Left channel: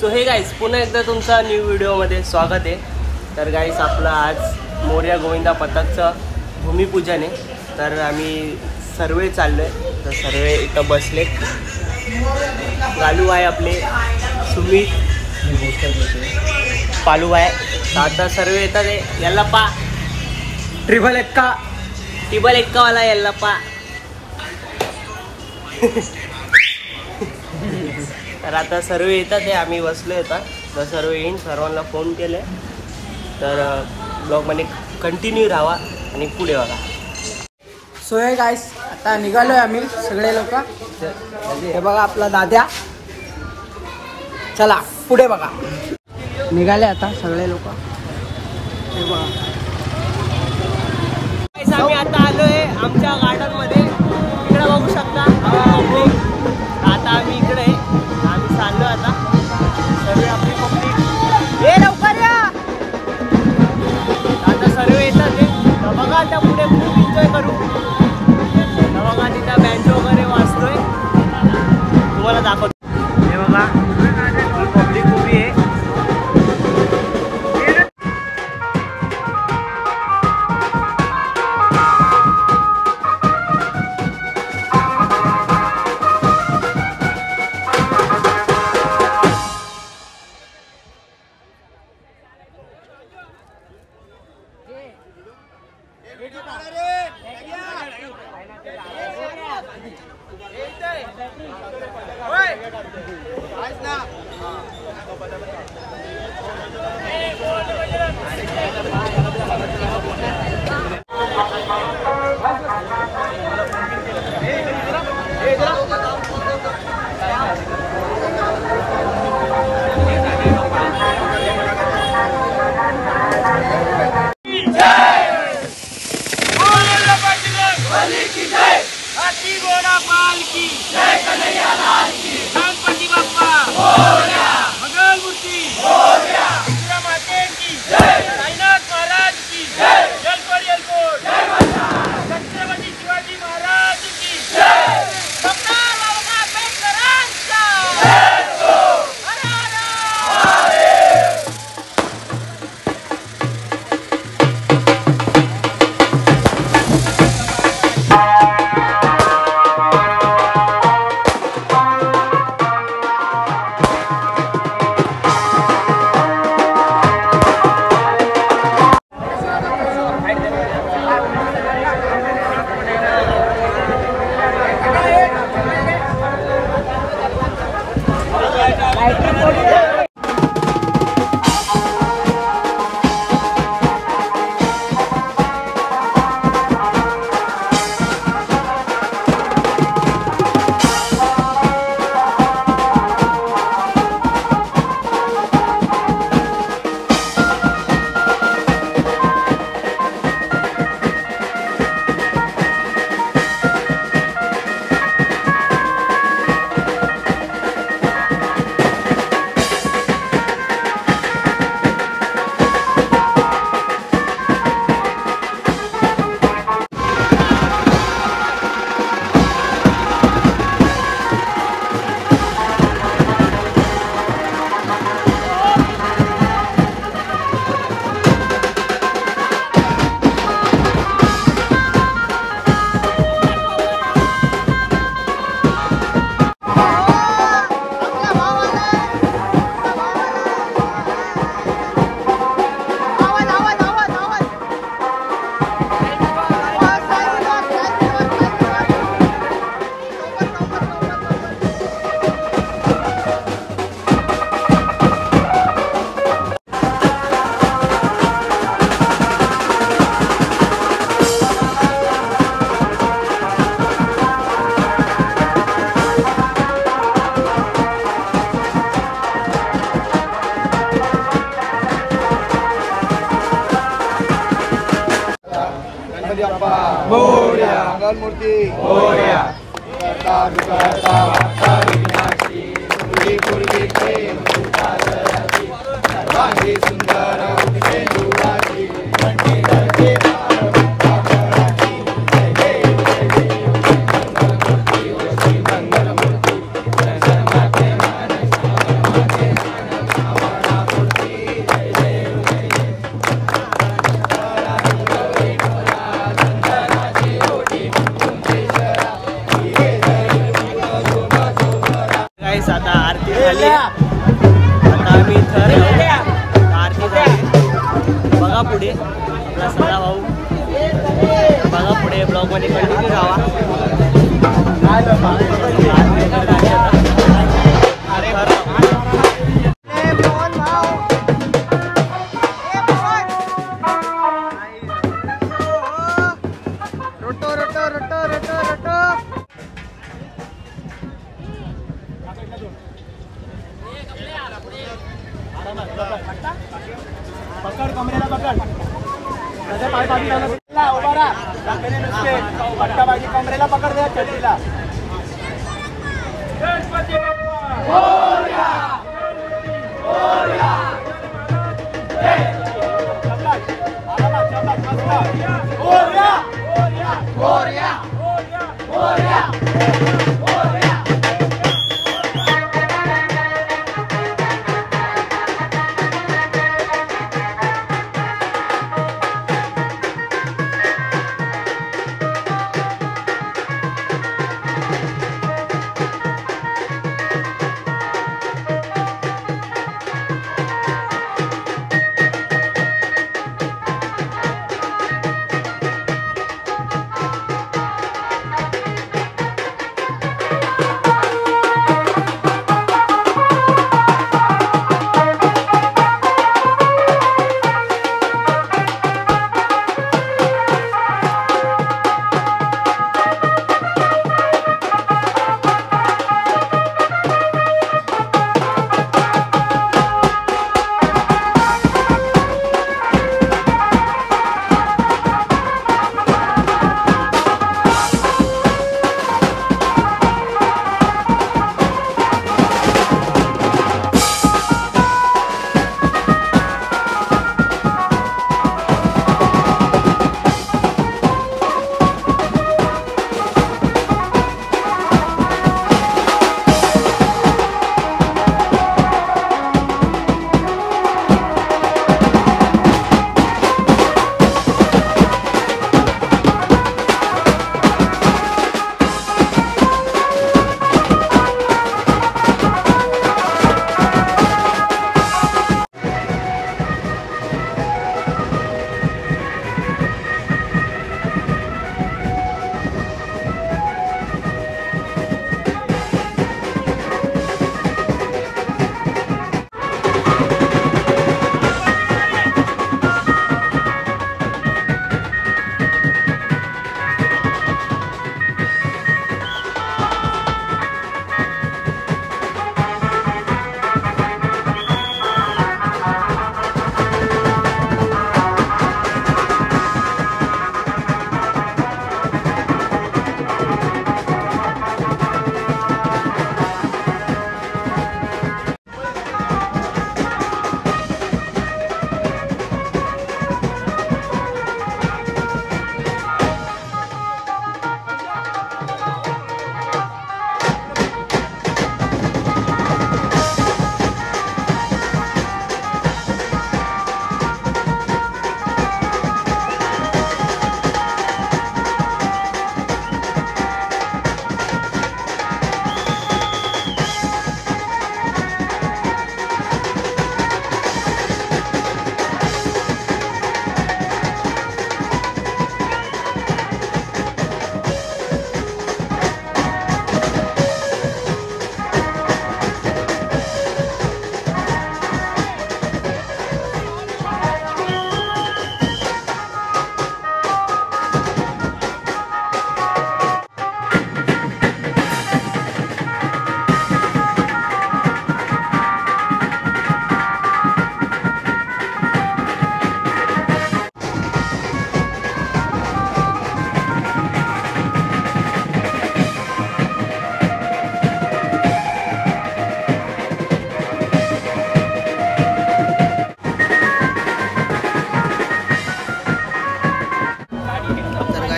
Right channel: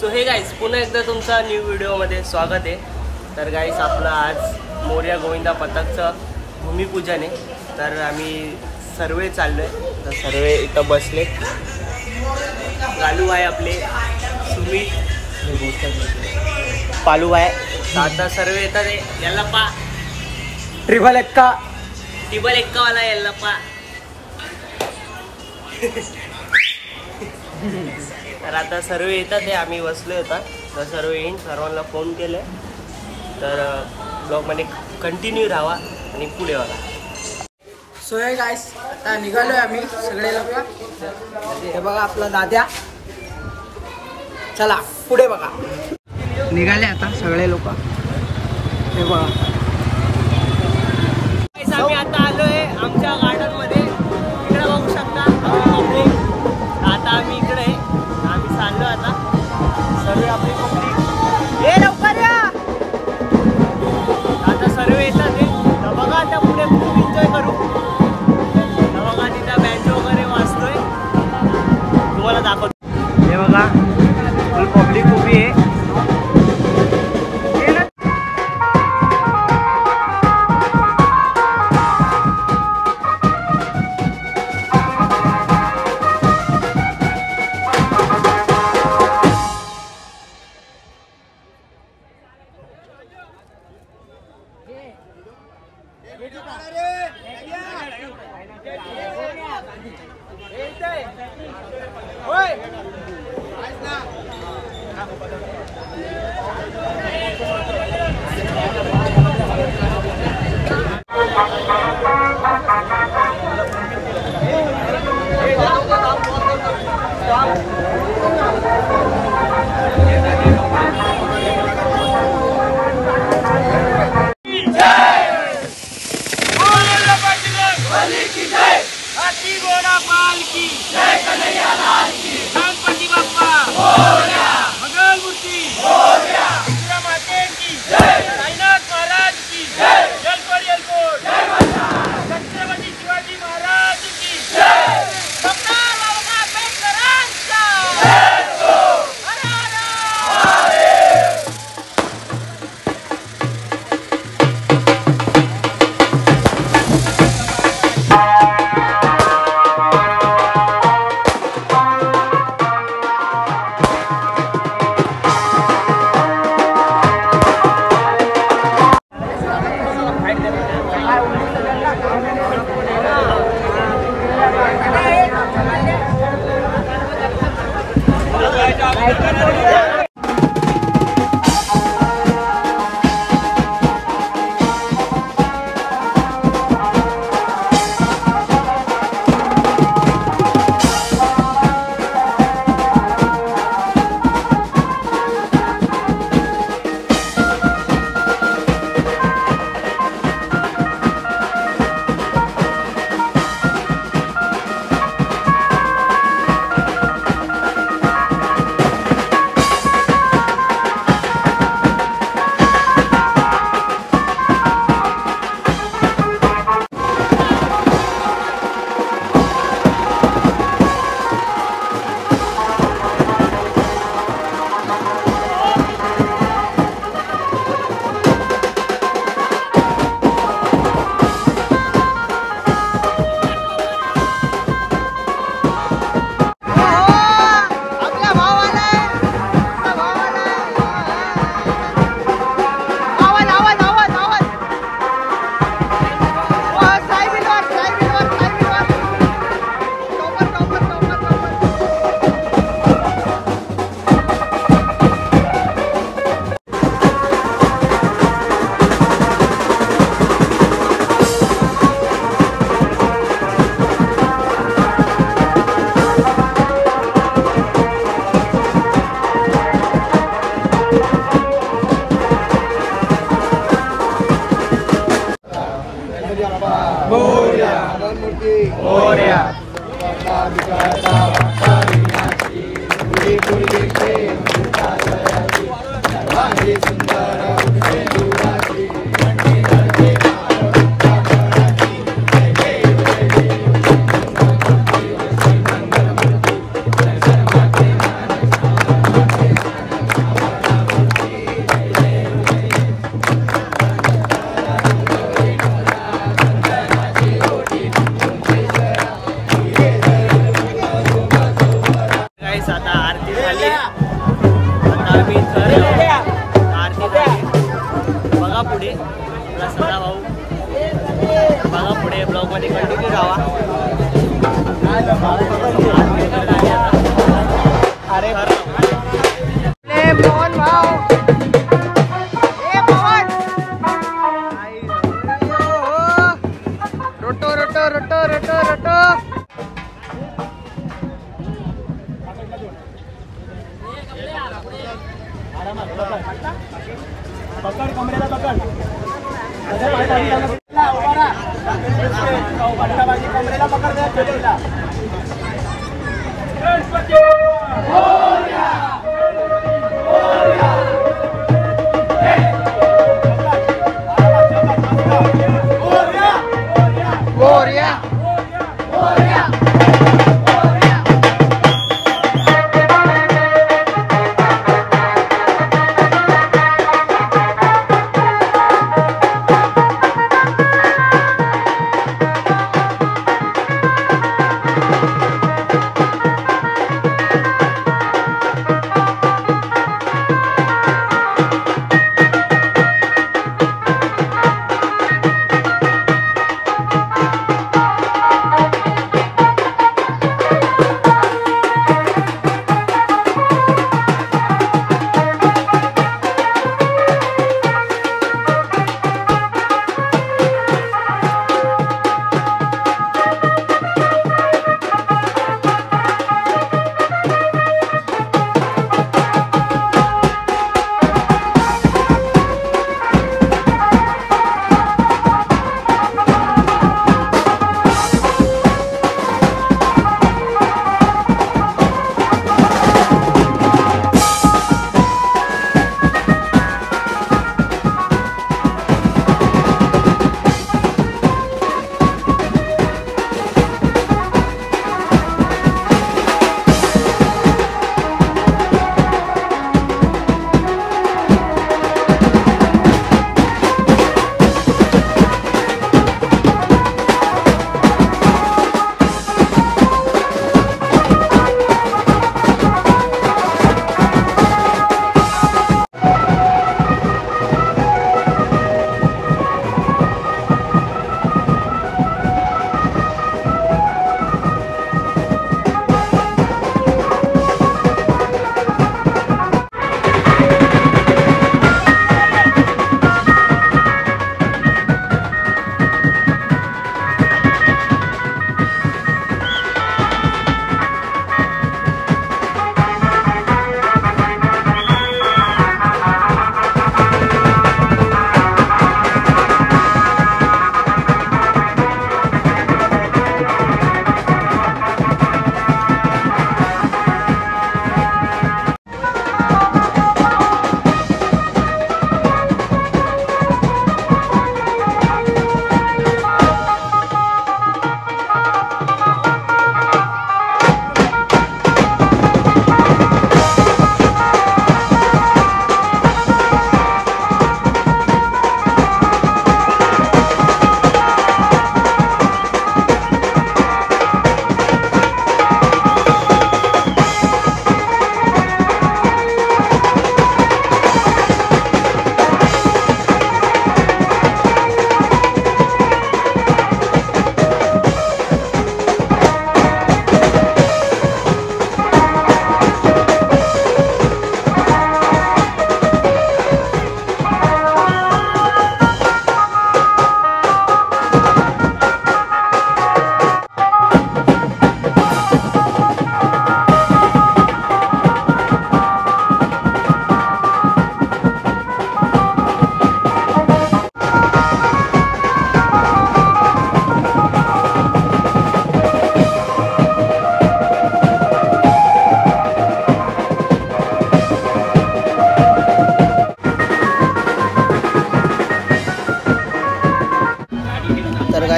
So हे guys पुन्हा एकदा तुमचा न्यू व्हिडिओमध्ये स्वागत आहे। तर गाईज आपलं आज मोरया गोविंदा पथकचं भूमिपूजन आहे। तर आम्ही सर्वे चाललोय, तर सर्वे इथं बसलेत। गालू आहे आपले, सुमित, पालू आहे। तर आता सर्वे येतात आहे। याला पा ट्रिपल एक्का वाला याला पा। तर आता सर्व येतात आहे, आम्ही बसलो होता। तर सर्व येईन, सर्वांना फोन केले। तर ब्लॉगमध्ये कंटिन्यू राहा आणि पुढे बघा। सो हे गाईस आता निघालोय आम्ही सगळे लोक। हे बघा आपला दाद्या, चला पुढे बघा। निघाले आता सगळे लोक, हे बघा। आम्ही आता आलोय आमच्या गार्डन मध्ये, इकडे बघू शकता आपली पब्लिक। आता आम्ही इकडे आम्ही चाललो आता सर्व आपली पब्लिक। हे लवकर या, आता सर्व येतात आहे। तर बघा आता पुढे खूप एन्जॉय करू। तर बघा तिथं बँड वगैरे वाजतोय, तुम्हाला दाखवतो। हे बघा ही पब्लिक उभी आहे। मध्ये कंटिन्यू राहा. पकड कमरेला पकड पाय पाठी कमरेला पकड द्या.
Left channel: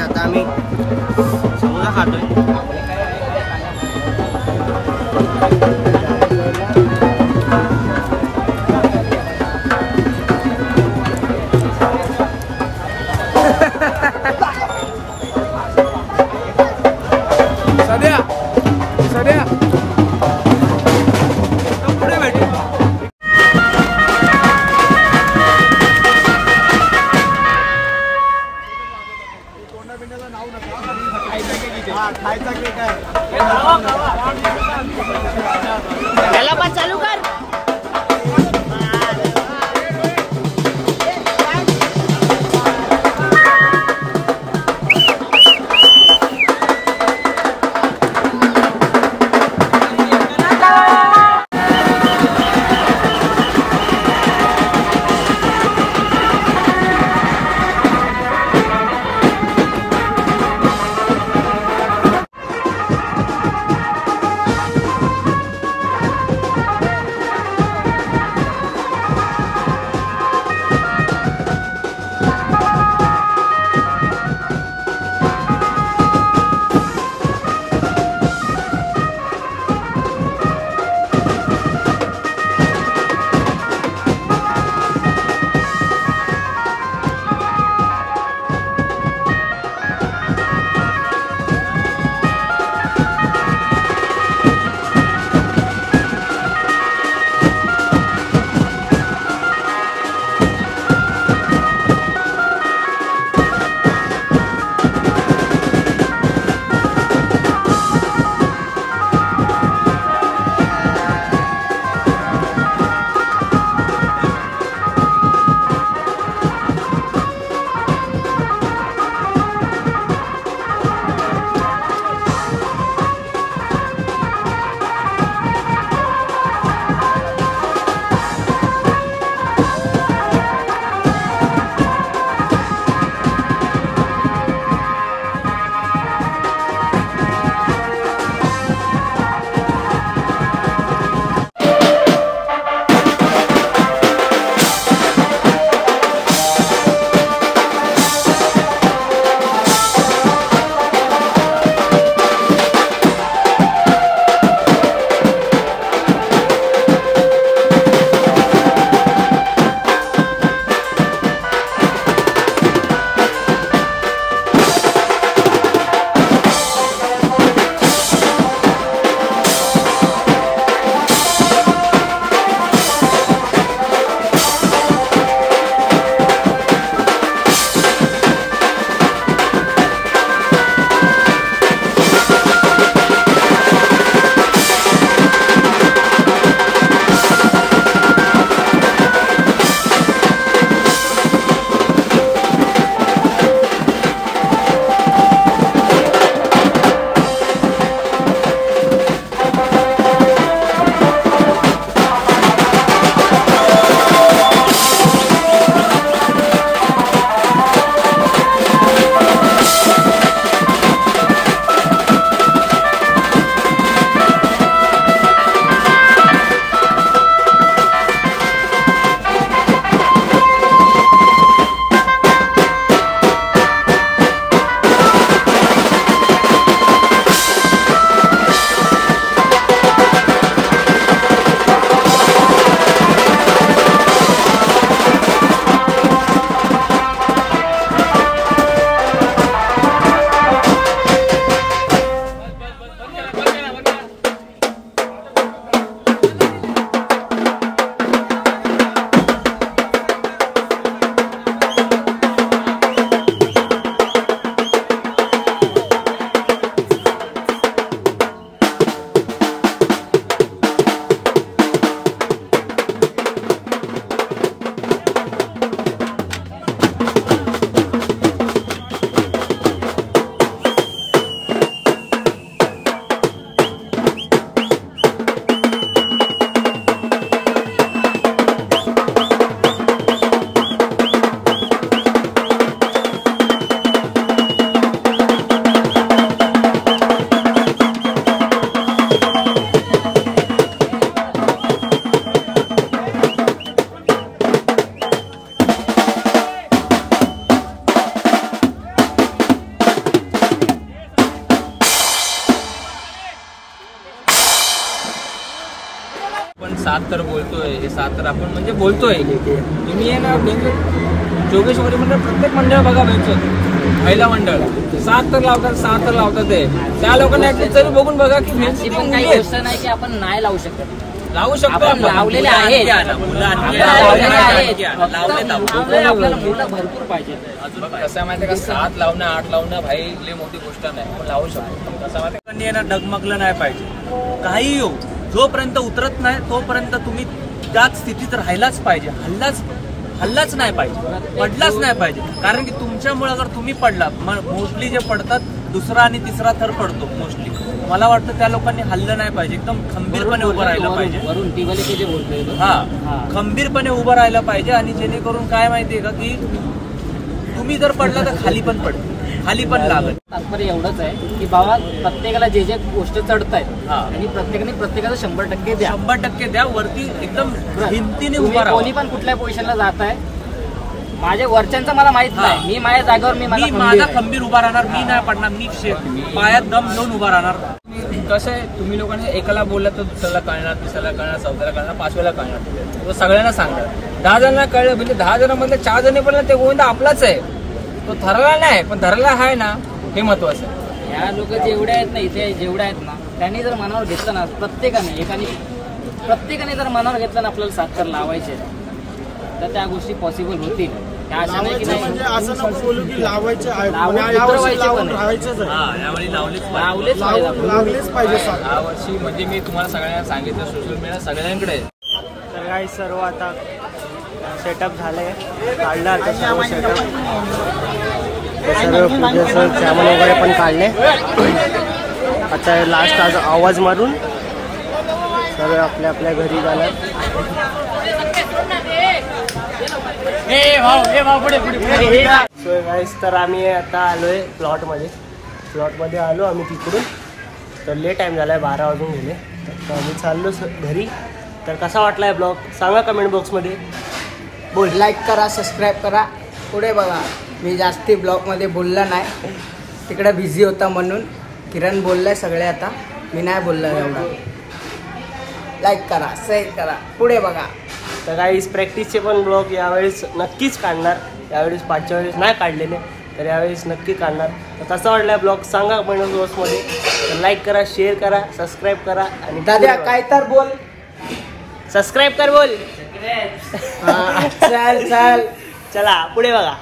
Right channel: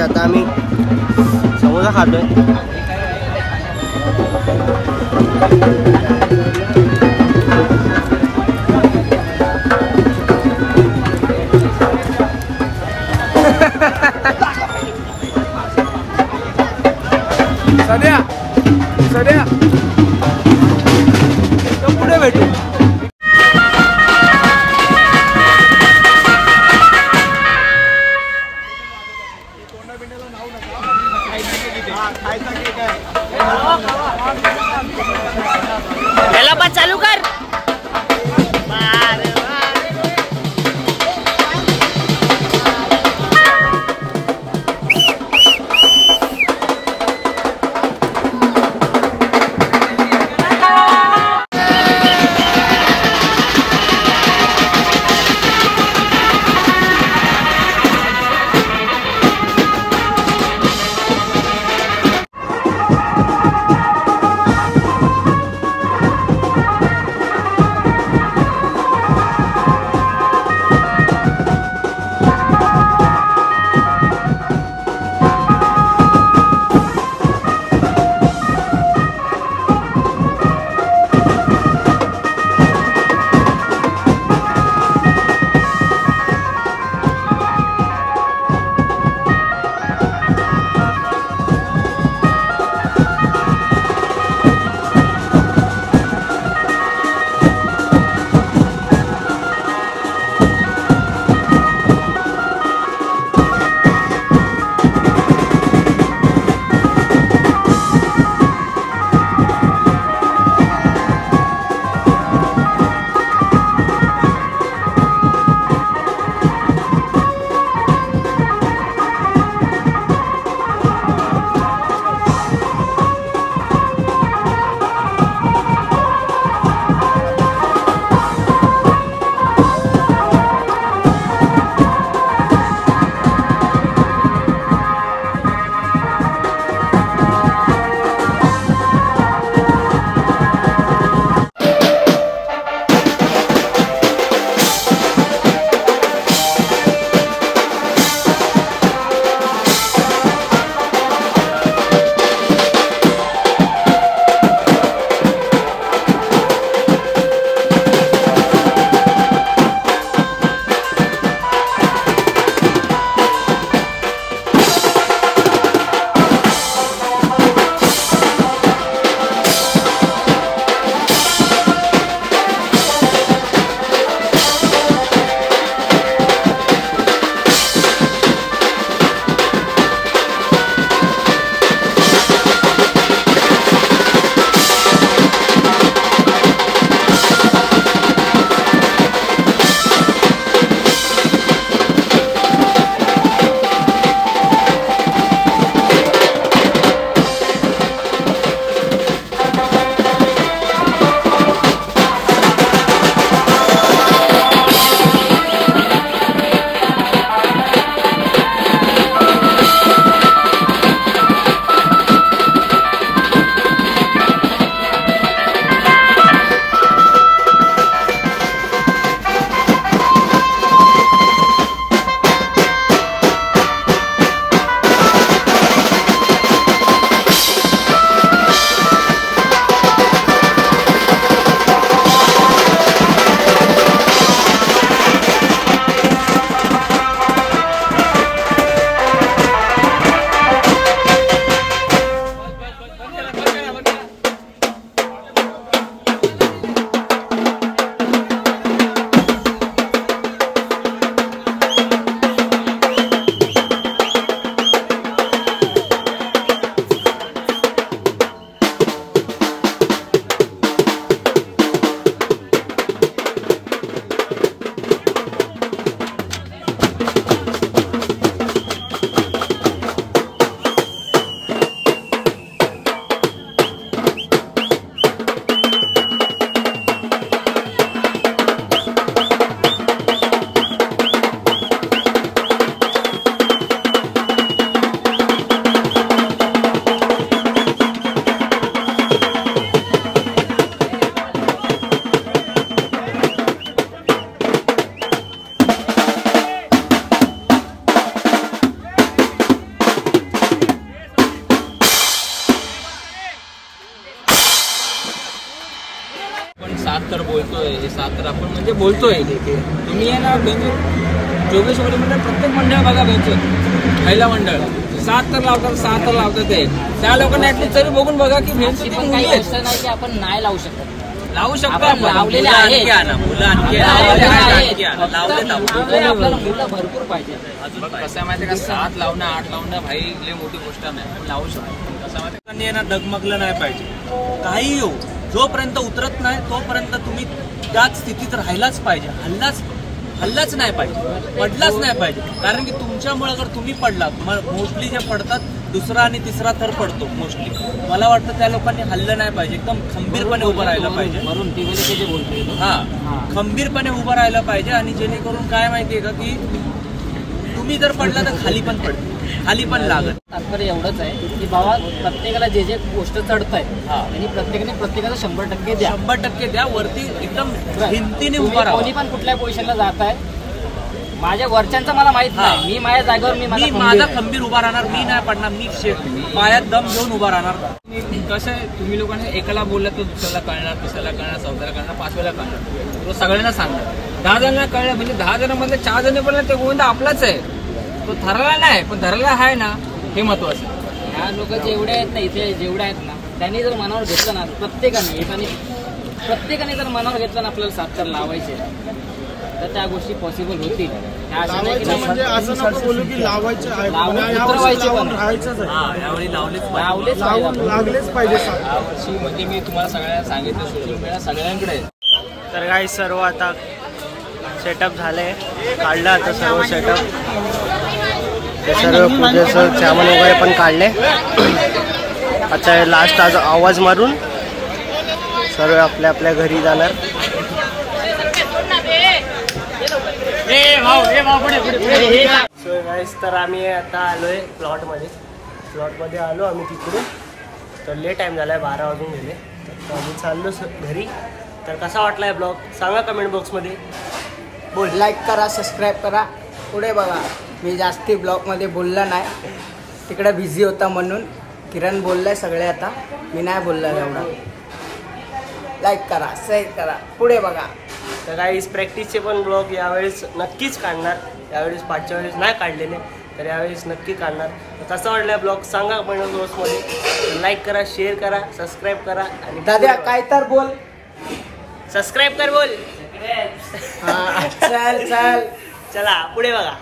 आता आम्ही समोसा खातोय. पुढे भेटू. याला पण चालू कर. सात तर बोलतोय, सात तर आपण म्हणजे बोलतोय. तुम्ही आहे ना जोगेश्वरी मंडळ प्रत्येक मंडळ बघा भेटतो. पहिला मंडळ 7 तर लावतात, 6 तर लावतात. त्या लोकांना ऍटलीस्ट तरी बघून बघा की भेटची पण काही गोष्ट नाही की आपण नाही लावू शकत. लावू शकतो आपण लावलेले आहेत. आपल्याला मुलं भरपूर पाहिजे. अजून कसं माहितीये का 7 लावणं 8 लावणं भाई लई मोठी गोष्ट नाही. आपण लावू शकतो. कसं माहितीये का डगमगलं नाही पाहिजे. काही हो जोपर्यंत उतरत नाही तोपर्यंत तुम्ही त्याच स्थितीत राहायलाच पाहिजे. हल्लाच नाही पाहिजे, पडलाच नाही पाहिजे. कारण की तुमच्यामुळे अगर तुम्ही पडलात, मोस्टली जे पडतात दुसरा आणि तिसरा थर पडतो मोस्टली. मला वाटतं त्या लोकांनी हल्लं नाही पाहिजे, एकदम खंबीरपणे उभं राहिलं पाहिजे. हा, खंबीरपणे उभं राहिलं पाहिजे. आणि जेणेकरून काय माहितीये का की तुम्ही जर पडला तर खाली पण पडते, खाली पण लागत. तात्पर्य एवढंच आहे की बाबा प्रत्येकाला जे जे गोष्ट चढत आहे आणि प्रत्येकाला 100% द्या. 100% द्या. वरती एकदम हिमतीने उभा राहा. कोणी पण कुठल्या पोझिशनला जात आहे, माझ्या वरच्यांचा मला माहित नाही. मी माझ्या जागेवर मी माझा खंबीर उभा राहणार. मी नाही पडणार. मी पायात दम घेऊन उभा राहणार. कसं आहे, तुम्ही लोकांनी एकाला बोललं तर दुसऱ्याला कळणार, तिसऱ्याला कळणार, चौथ्याला कळणार, 5व्याला कळणार. तो सगळ्यांना सांगणार. 10 जणांना कळलं म्हणजे 10 जणांमधले 4 जण बोलले ते गोविंदा आपलाच आहे. तो ठरला नाही पण धरला आहे ना, हे महत्वाचं आहे. ह्या लोक जेवढे आहेत ना, इथे जेवढे आहेत ना, त्यांनी जर मनावर घेतलं ना, प्रत्येकाने जर मनावर घेतलं ना आपल्याला 7 थर लावायचे तर त्या गोष्टी पॉसिबल होतील. असं नाही की लावायचं लावलेच पाहिजे. यावर्षी म्हणजे मी तुम्हाला सगळ्यांना सांगितलं सोशल मीडिया सगळ्यांकडे. तर काही सर्व आता सेटअप झालंय, काढलं आता सर्व सेटअप. ते सर्व पूजेचं सामान वगैरे पण काढले. आता लास्ट आज आवाज मारून सर्व आपल्या आपल्या घरी जाणार. सो गाईस, तर आम्ही आता आलोय प्लॉटमध्ये आलो आम्ही तिकडून. तर लेट टाइम झालाय, 12 वाजून गेले. तर आम्ही चाललो घरी. तर कसा वाटलाय ब्लॉग सांगा कमेंट बॉक्समध्ये. बोल. लाईक करा, सबस्क्राईब करा. पुढे बघा. मी जास्ती ब्लॉगमध्ये बोलला नाही, तिकडे बिझी होता म्हणून. किरण बोललाय सगळे, आता मी नाही बोलला एवढा. लाईक करा, शेअर करा, पुढे बघा. तर काही प्रॅक्टिसचे पण ब्लॉग यावेळेस नक्कीच काढणार. यावेळेस पाठच्या वेळेस नाही काढलेले, तर यावेळेस नक्की काढणार. तर कसा वाटला ब्लॉग सांगा कमेंट बॉक्समध्ये. तर लाईक करा, शेअर करा, सबस्क्राईब करा. आणि दादा काय तर बोल. सबस्क्राईब कर बोल. चल चला पुढे बघा.